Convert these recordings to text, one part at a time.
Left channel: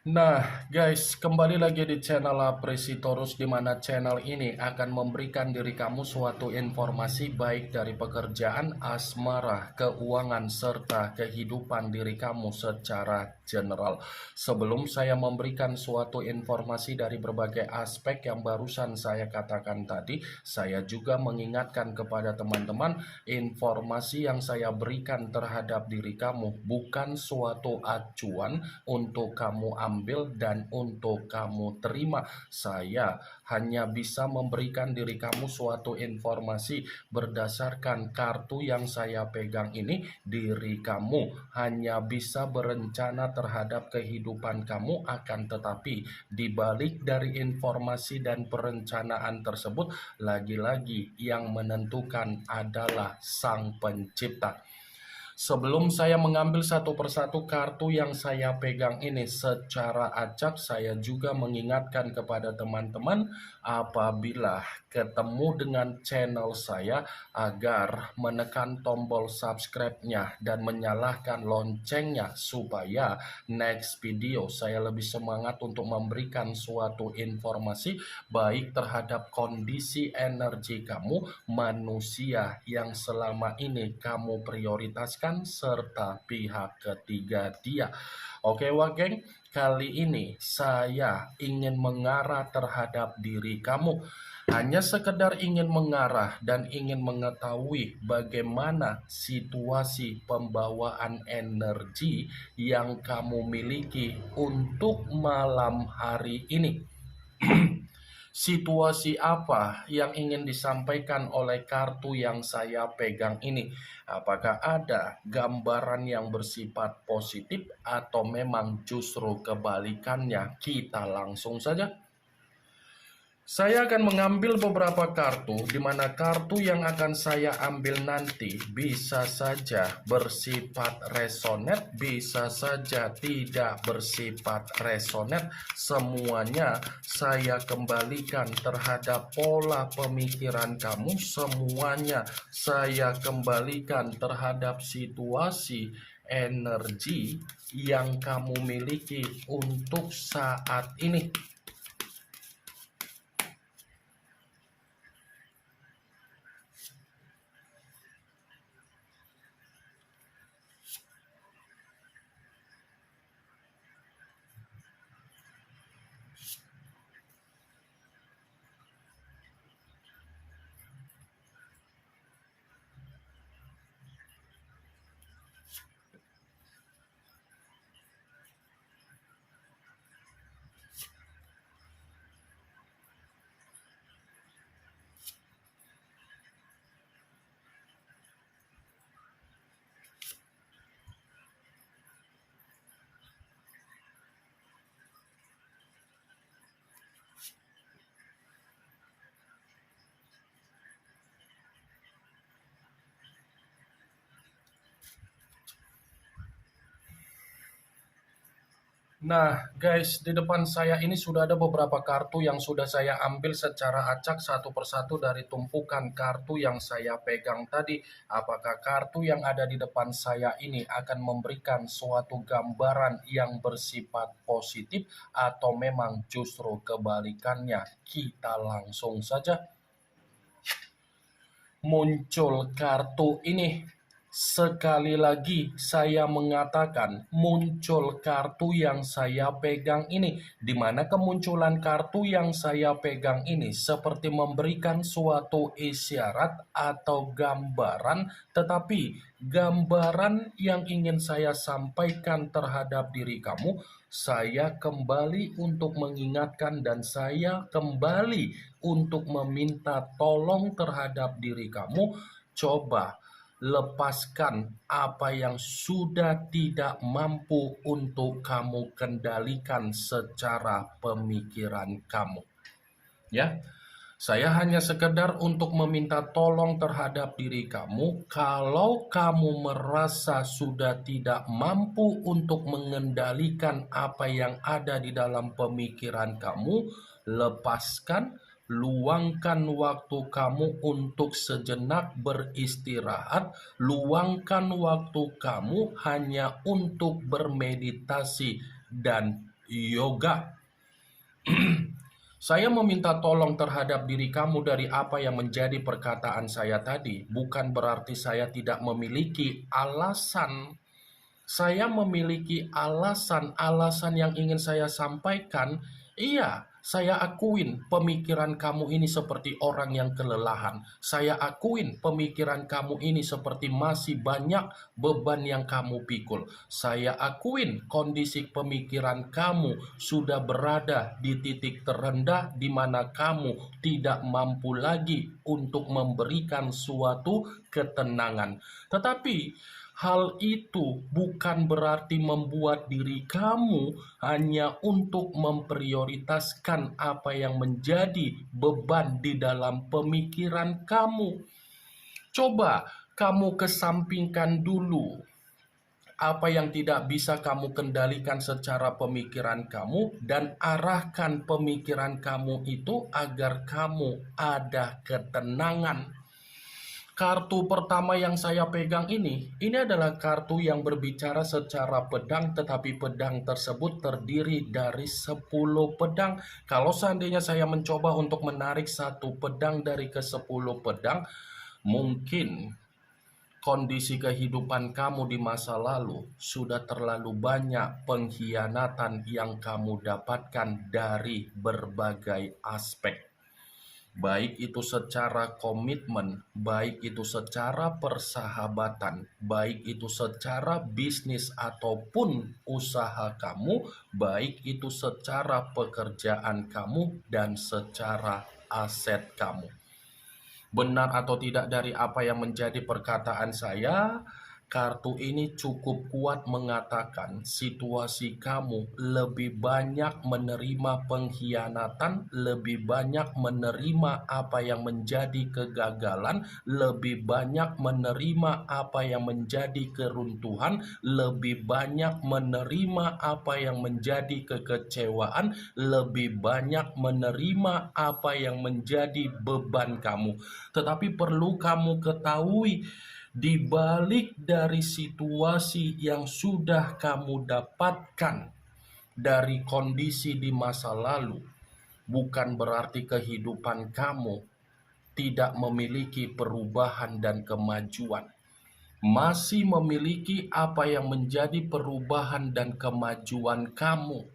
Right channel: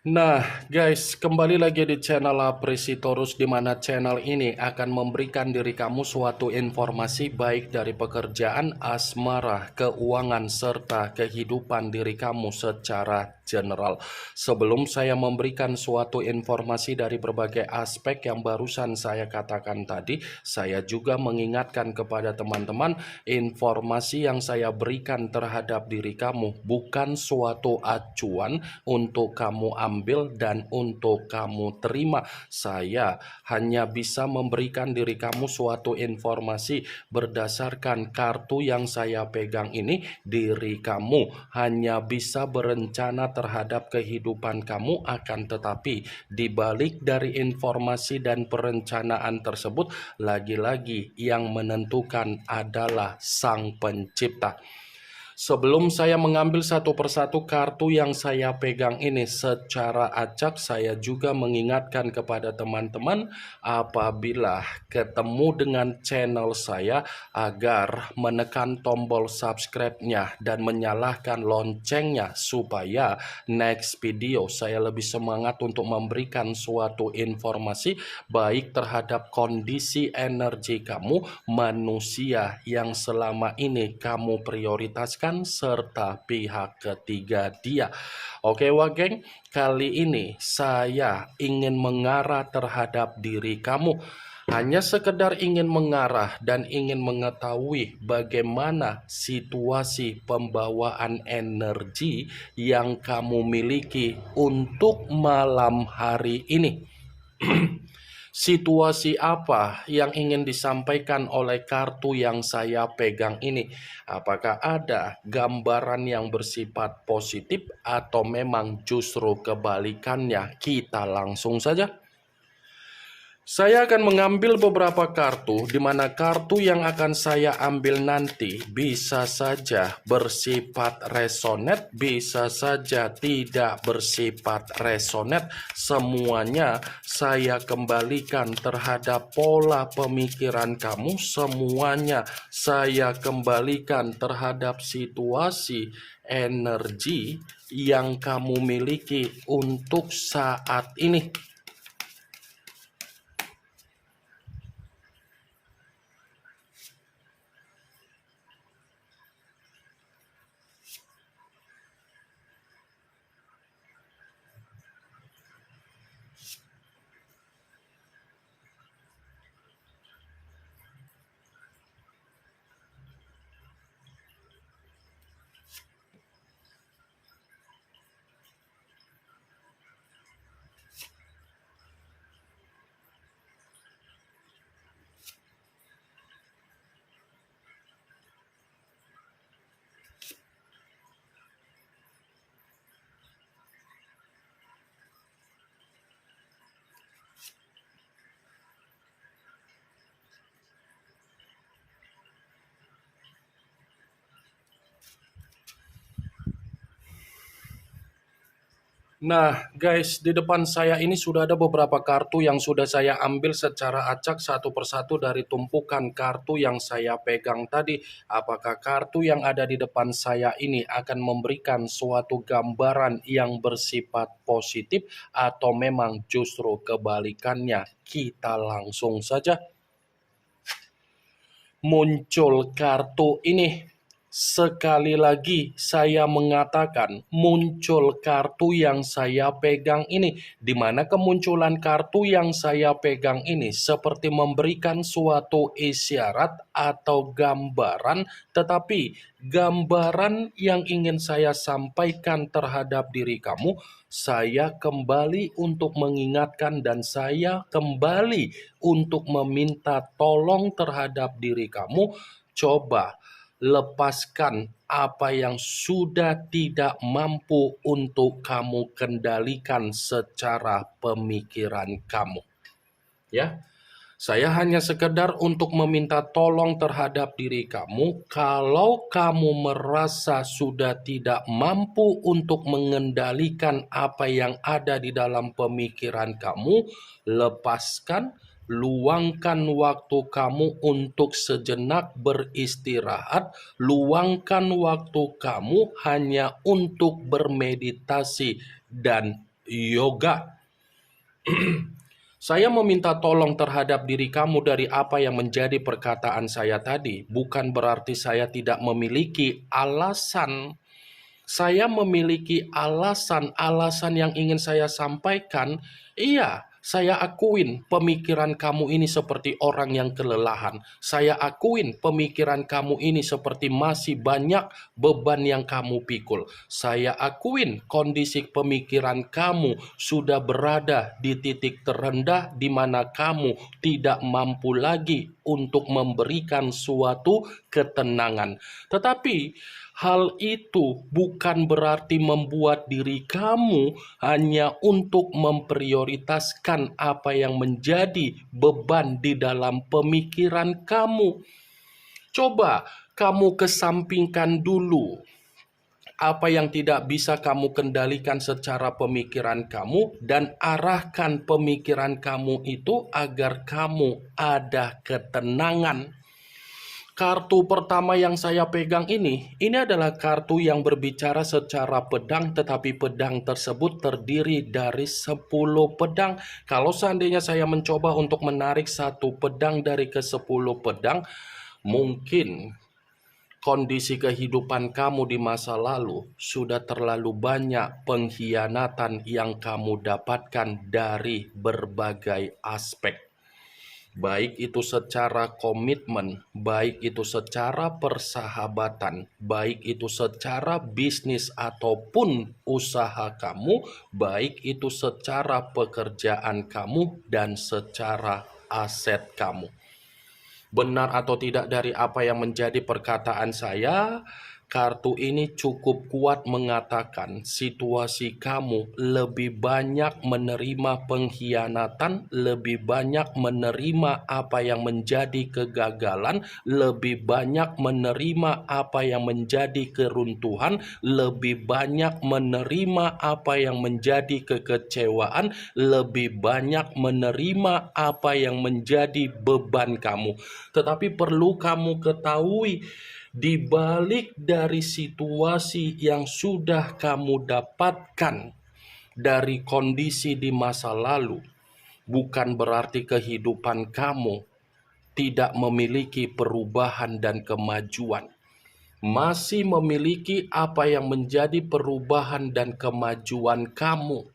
Nah, guys, kembali lagi di channel Apresitorus, di mana channel ini akan memberikan diri kamu suatu informasi baik dari pekerjaan, asmara, keuangan, serta kehidupan diri kamu secara general. Sebelum saya memberikan suatu informasi dari berbagai aspek yang barusan saya katakan tadi, saya juga mengingatkan kepada teman-teman, informasi yang saya berikan terhadap diri kamu bukan suatu acuan untuk kamu ambil dan untuk kamu terima. Saya hanya bisa memberikan diri kamu suatu informasi berdasarkan kartu yang saya pegang ini. Diri kamu hanya bisa berencana terhadap kehidupan kamu, akan tetapi dibalik dari informasi dan perencanaan tersebut, lagi-lagi yang menentukan adalah Sang Pencipta. Sebelum saya mengambil satu persatu kartu yang saya pegang ini secara acak, saya juga mengingatkan kepada teman-teman apabila ketemu dengan channel saya agar menekan tombol subscribe-nya dan menyalakan loncengnya supaya next video saya lebih semangat untuk memberikan suatu informasi baik terhadap kondisi energi kamu, manusia yang selama ini kamu prioritaskan, serta pihak ketiga dia. Oke wah geng, kali ini saya ingin mengarah terhadap diri kamu. Hanya sekedar ingin mengarah dan ingin mengetahui bagaimana situasi pembawaan energi yang kamu miliki untuk malam hari ini. Situasi apa yang ingin disampaikan oleh kartu yang saya pegang ini? Apakah ada gambaran yang bersifat positif atau memang justru kebalikannya? Kita langsung saja. Saya akan mengambil beberapa kartu, di mana kartu yang akan saya ambil nanti bisa saja bersifat resonate, bisa saja tidak bersifat resonate. Semuanya saya kembalikan terhadap pola pemikiran kamu, semuanya saya kembalikan terhadap situasi energi yang kamu miliki untuk saat ini. Nah, guys, di depan saya ini sudah ada beberapa kartu yang sudah saya ambil secara acak satu persatu dari tumpukan kartu yang saya pegang tadi. Apakah kartu yang ada di depan saya ini akan memberikan suatu gambaran yang bersifat positif atau memang justru kebalikannya? Kita langsung saja. Muncul kartu ini. Sekali lagi saya mengatakan muncul kartu yang saya pegang ini, di mana kemunculan kartu yang saya pegang ini seperti memberikan suatu isyarat atau gambaran, tetapi gambaran yang ingin saya sampaikan terhadap diri kamu, saya kembali untuk mengingatkan dan saya kembali untuk meminta tolong terhadap diri kamu. Coba lepaskan apa yang sudah tidak mampu untuk kamu kendalikan secara pemikiran kamu. Ya, saya hanya sekedar untuk meminta tolong terhadap diri kamu. Kalau kamu merasa sudah tidak mampu untuk mengendalikan apa yang ada di dalam pemikiran kamu, lepaskan. Luangkan waktu kamu untuk sejenak beristirahat. Luangkan waktu kamu hanya untuk bermeditasi dan yoga. Saya meminta tolong terhadap diri kamu dari apa yang menjadi perkataan saya tadi. Bukan berarti saya tidak memiliki alasan. Saya memiliki alasan yang ingin saya sampaikan. Iya, saya akuin pemikiran kamu ini seperti orang yang kelelahan. Saya akuin pemikiran kamu ini seperti masih banyak beban yang kamu pikul. Saya akuin kondisi pemikiran kamu sudah berada di titik terendah di mana kamu tidak mampu lagi untuk memberikan suatu ketenangan. Tetapi hal itu bukan berarti membuat diri kamu hanya untuk memprioritaskan apa yang menjadi beban di dalam pemikiran kamu. Coba kamu kesampingkan dulu apa yang tidak bisa kamu kendalikan secara pemikiran kamu dan arahkan pemikiran kamu itu agar kamu ada ketenangan. Kartu pertama yang saya pegang ini adalah kartu yang berbicara secara pedang, tetapi pedang tersebut terdiri dari 10 pedang. Kalau seandainya saya mencoba untuk menarik satu pedang dari ke-10 pedang, mungkin kondisi kehidupan kamu di masa lalu sudah terlalu banyak pengkhianatan yang kamu dapatkan dari berbagai aspek. Baik itu secara komitmen, baik itu secara persahabatan, baik itu secara bisnis ataupun usaha kamu, baik itu secara pekerjaan kamu dan secara aset kamu. Benar atau tidak dari apa yang menjadi perkataan saya, kartu ini cukup kuat mengatakan situasi kamu lebih banyak menerima pengkhianatan, lebih banyak menerima apa yang menjadi kegagalan, lebih banyak menerima apa yang menjadi keruntuhan, lebih banyak menerima apa yang menjadi kekecewaan, lebih banyak menerima apa yang menjadi beban kamu. Tetapi perlu kamu ketahui, di balik dari situasi yang sudah kamu dapatkan dari kondisi di masa lalu, bukan berarti kehidupan kamu tidak memiliki perubahan dan kemajuan. Masih memiliki apa yang menjadi perubahan dan kemajuan kamu.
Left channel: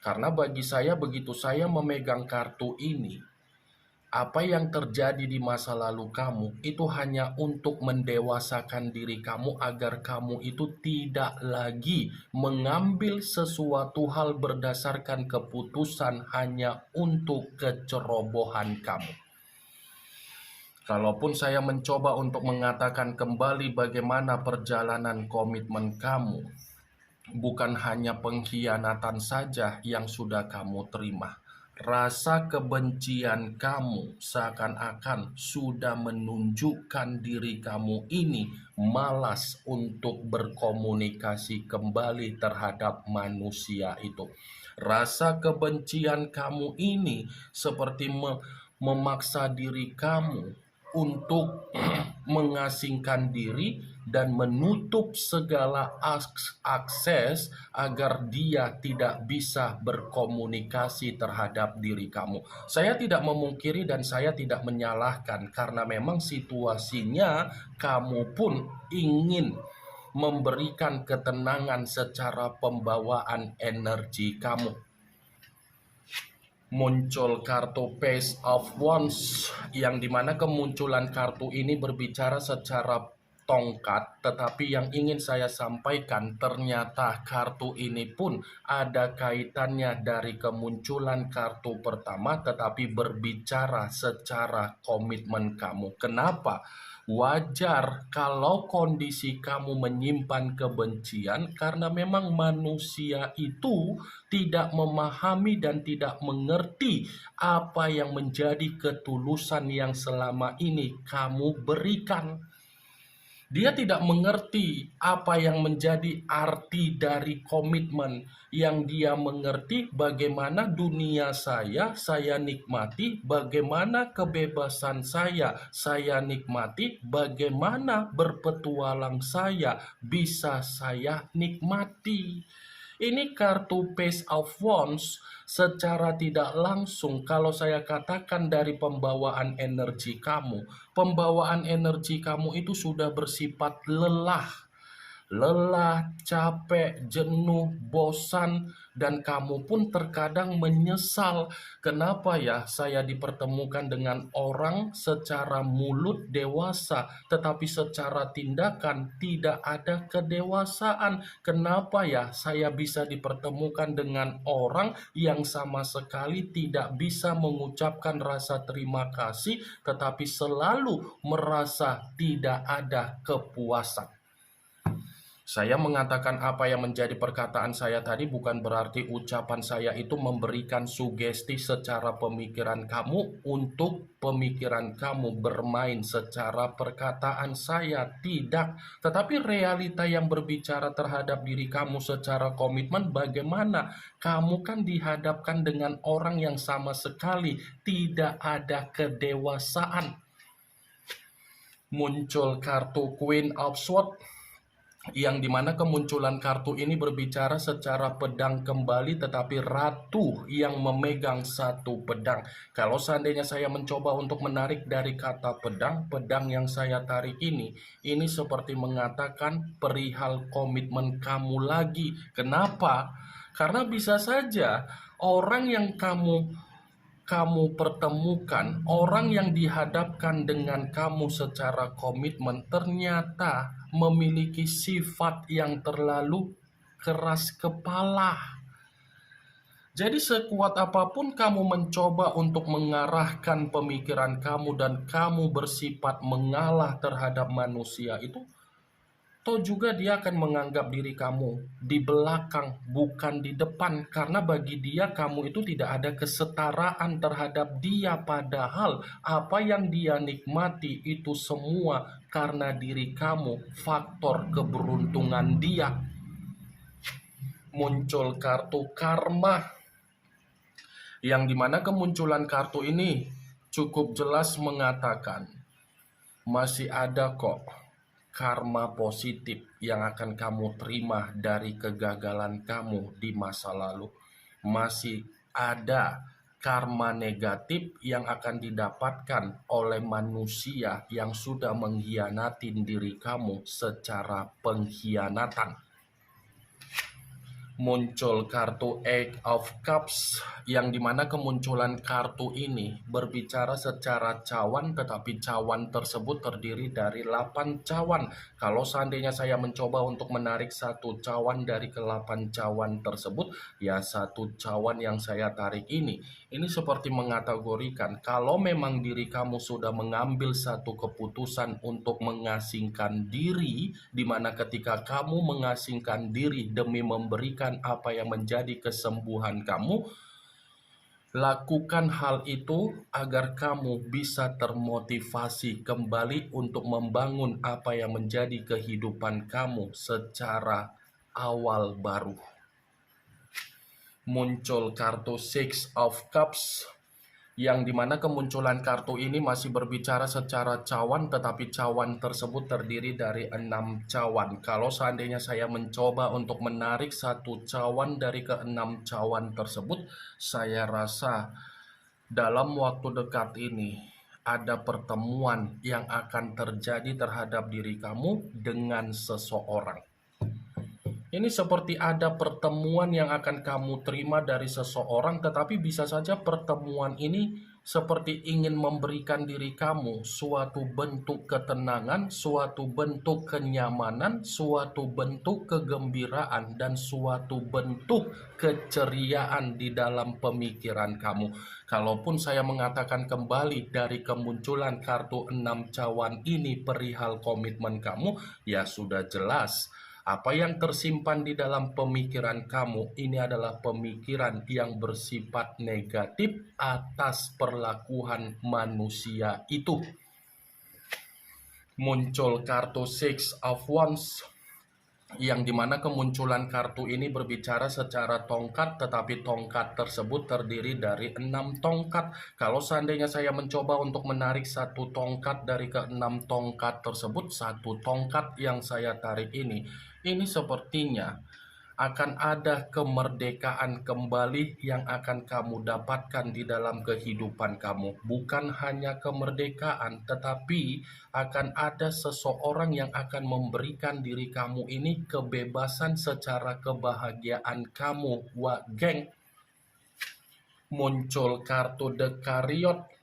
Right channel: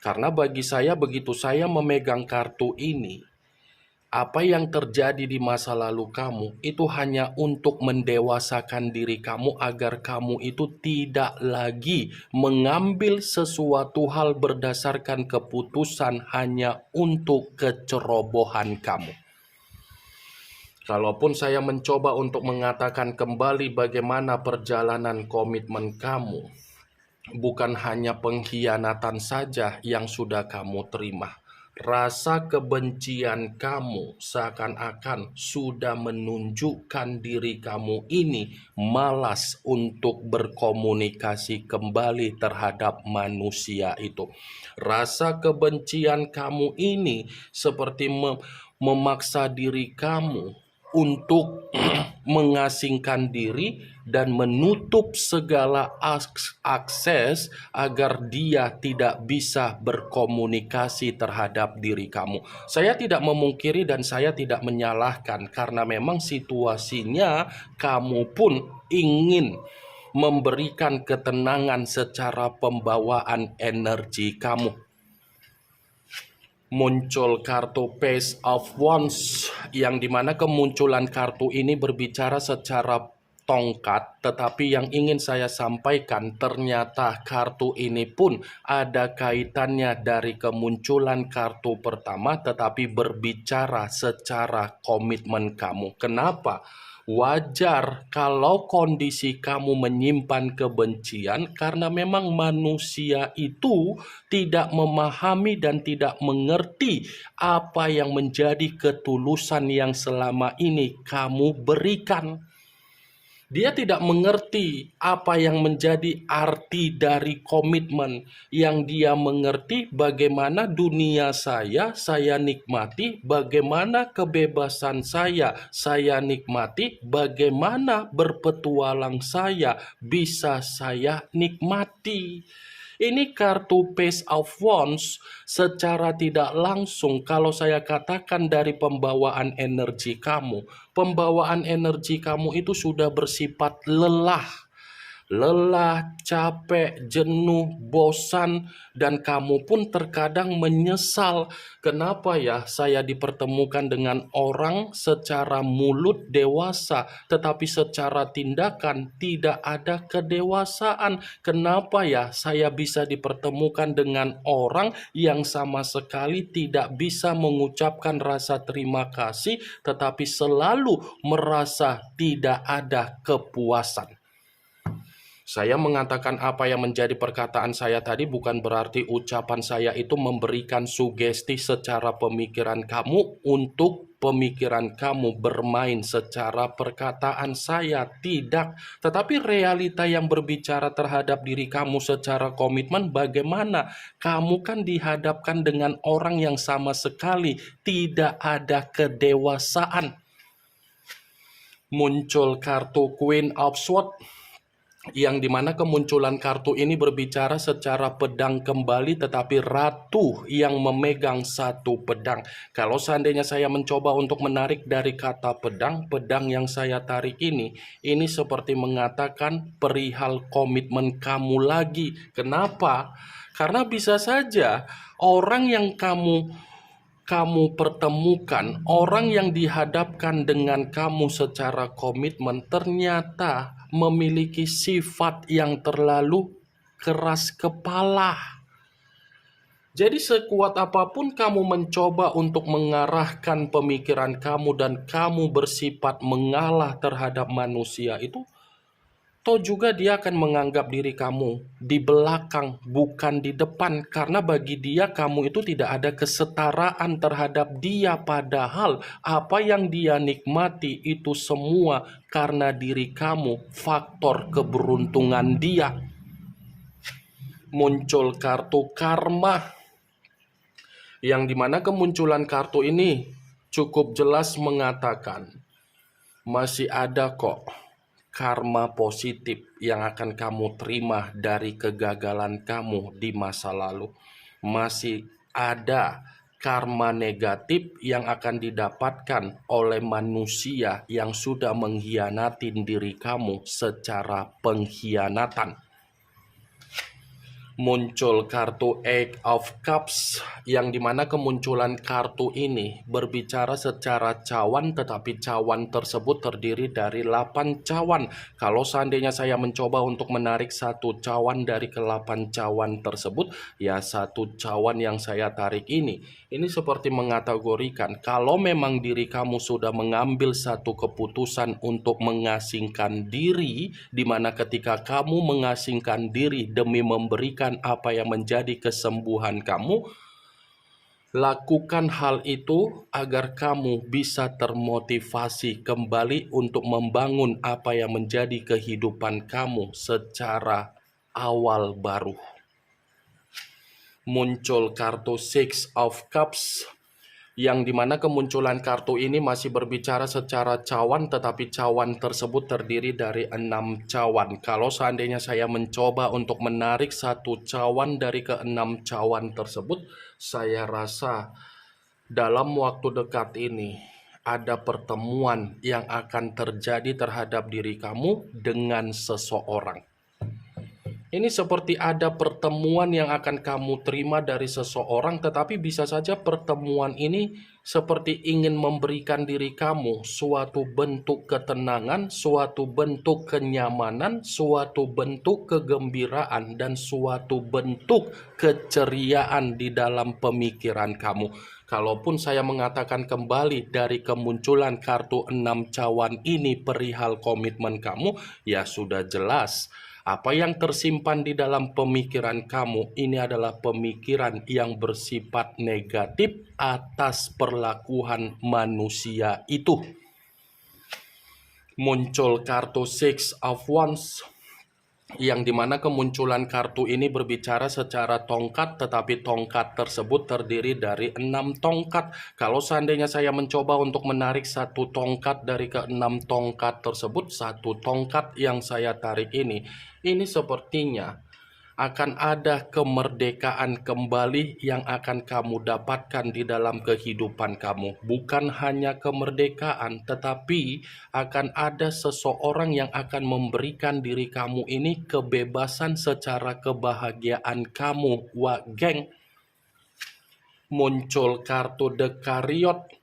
Karena bagi saya, begitu saya memegang kartu ini, apa yang terjadi di masa lalu kamu itu hanya untuk mendewasakan diri kamu agar kamu itu tidak lagi mengambil sesuatu hal berdasarkan keputusan hanya untuk kecerobohan kamu. Kalaupun saya mencoba untuk mengatakan kembali bagaimana perjalanan komitmen kamu, bukan hanya pengkhianatan saja yang sudah kamu terima. Rasa kebencian kamu seakan-akan sudah menunjukkan diri kamu ini malas untuk berkomunikasi kembali terhadap manusia itu. Rasa kebencian kamu ini seperti memaksa diri kamu untuk mengasingkan diri dan menutup segala akses agar dia tidak bisa berkomunikasi terhadap diri kamu. Saya tidak memungkiri dan saya tidak menyalahkan karena memang situasinya kamu pun ingin memberikan ketenangan secara pembawaan energi kamu. Muncul kartu Page of Wands yang dimana kemunculan kartu ini berbicara secara tongkat, tetapi yang ingin saya sampaikan ternyata kartu ini pun ada kaitannya dari kemunculan kartu pertama, tetapi berbicara secara komitmen kamu. Kenapa? Wajar kalau kondisi kamu menyimpan kebencian karena memang manusia itu tidak memahami dan tidak mengerti apa yang menjadi ketulusan yang selama ini kamu berikan. Dia tidak mengerti apa yang menjadi arti dari komitmen. Yang dia mengerti bagaimana dunia saya nikmati, bagaimana kebebasan saya nikmati, bagaimana berpetualang saya bisa saya nikmati. Ini kartu Page of Wands secara tidak langsung kalau saya katakan dari pembawaan energi kamu. Pembawaan energi kamu itu sudah bersifat lelah, capek, jenuh, bosan, dan kamu pun terkadang menyesal. Kenapa ya saya dipertemukan dengan orang secara mulut dewasa, tetapi secara tindakan tidak ada kedewasaan? Kenapa ya saya bisa dipertemukan dengan orang yang sama sekali tidak bisa mengucapkan rasa terima kasih, tetapi selalu merasa tidak ada kepuasan? Saya mengatakan apa yang menjadi perkataan saya tadi bukan berarti ucapan saya itu memberikan sugesti secara pemikiran kamu untuk pemikiran kamu bermain secara perkataan saya. Tidak. Tetapi realita yang berbicara terhadap diri kamu secara komitmen bagaimana? Kamu kan dihadapkan dengan orang yang sama sekali tidak ada kedewasaan. Muncul kartu Queen of Swords, yang dimana kemunculan kartu ini berbicara secara pedang kembali, tetapi ratu yang memegang satu pedang. Kalau seandainya saya mencoba untuk menarik dari kata pedang, pedang yang saya tarik ini seperti mengatakan perihal komitmen kamu lagi. Kenapa? Karena bisa saja orang yang kamu pertemukan, orang yang dihadapkan dengan kamu secara komitmen ternyata memiliki sifat yang terlalu keras kepala. Jadi sekuat apapun kamu mencoba untuk mengarahkan pemikiran kamu dan kamu bersifat mengalah terhadap manusia itu, toh juga dia akan menganggap diri kamu di belakang, bukan di depan. Karena bagi dia kamu itu tidak ada kesetaraan terhadap dia. Padahal apa yang dia nikmati itu semua karena diri kamu, faktor keberuntungan dia. Muncul kartu karma, yang dimana kemunculan kartu ini cukup jelas mengatakan masih ada kok karma positif yang akan kamu terima dari kegagalan kamu di masa lalu. Masih ada karma negatif yang akan didapatkan oleh manusia yang sudah mengkhianati diri kamu secara pengkhianatan. Muncul kartu Eight of Cups, yang dimana kemunculan kartu ini berbicara secara cawan, tetapi cawan tersebut terdiri dari 8 cawan. Kalau seandainya saya mencoba untuk menarik satu cawan dari ke-8 cawan tersebut, ya satu cawan yang saya tarik ini seperti mengategorikan kalau memang diri kamu sudah mengambil satu keputusan untuk mengasingkan diri, di mana ketika kamu mengasingkan diri demi memberikan apa yang menjadi kesembuhan kamu, lakukan hal itu agar kamu bisa termotivasi kembali untuk membangun apa yang menjadi kehidupan kamu secara awal baru. Muncul kartu Six of Cups, yang dimana kemunculan kartu ini masih berbicara secara cawan, tetapi cawan tersebut terdiri dari 6 cawan. Kalau seandainya saya mencoba untuk menarik satu cawan dari ke-6 cawan tersebut, saya rasa dalam waktu dekat ini ada pertemuan yang akan terjadi terhadap diri kamu dengan seseorang. Ini seperti ada pertemuan yang akan kamu terima dari seseorang, tetapi bisa saja pertemuan ini seperti ingin memberikan diri kamu suatu bentuk ketenangan, suatu bentuk kenyamanan, suatu bentuk kegembiraan, dan suatu bentuk keceriaan di dalam pemikiran kamu. Kalaupun saya mengatakan kembali dari kemunculan kartu 6 cawan ini perihal komitmen kamu, ya sudah jelas. Apa yang tersimpan di dalam pemikiran kamu ini adalah pemikiran yang bersifat negatif atas perlakuan manusia itu. Muncul kartu Six of Wands, yang dimana kemunculan kartu ini berbicara secara tongkat, tetapi tongkat tersebut terdiri dari 6 tongkat. Kalau seandainya saya mencoba untuk menarik satu tongkat dari ke-6 tongkat tersebut, satu tongkat yang saya tarik ini sepertinya akan ada kemerdekaan kembali yang akan kamu dapatkan di dalam kehidupan kamu. Bukan hanya kemerdekaan, tetapi akan ada seseorang yang akan memberikan diri kamu ini kebebasan secara kebahagiaan kamu. Wah, geng, muncul kartu The Chariot,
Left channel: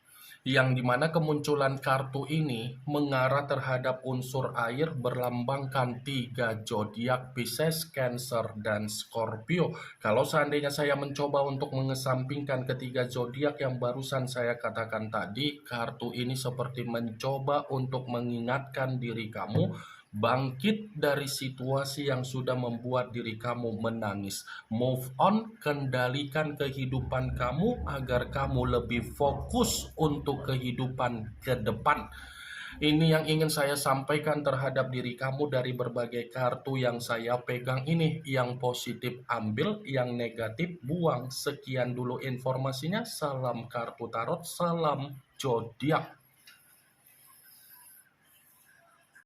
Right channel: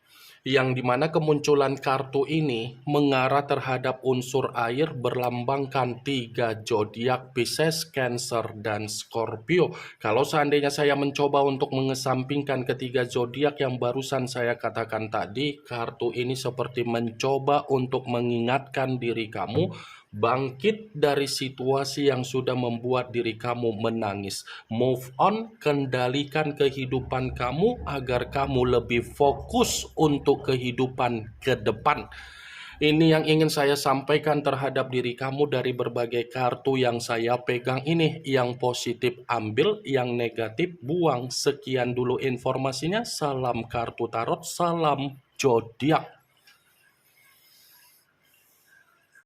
yang dimana kemunculan kartu ini mengarah terhadap unsur air berlambangkan 3 zodiak Pisces, Cancer, dan Scorpio. Kalau seandainya saya mencoba untuk mengesampingkan ketiga zodiak yang barusan saya katakan tadi, kartu ini seperti mencoba untuk mengingatkan diri kamu bangkit dari situasi yang sudah membuat diri kamu menangis. Move on, kendalikan kehidupan kamu agar kamu lebih fokus untuk kehidupan ke depan. Ini yang ingin saya sampaikan terhadap diri kamu dari berbagai kartu yang saya pegang ini. Yang positif ambil, yang negatif buang. Sekian dulu informasinya. Salam kartu tarot, salam zodiak.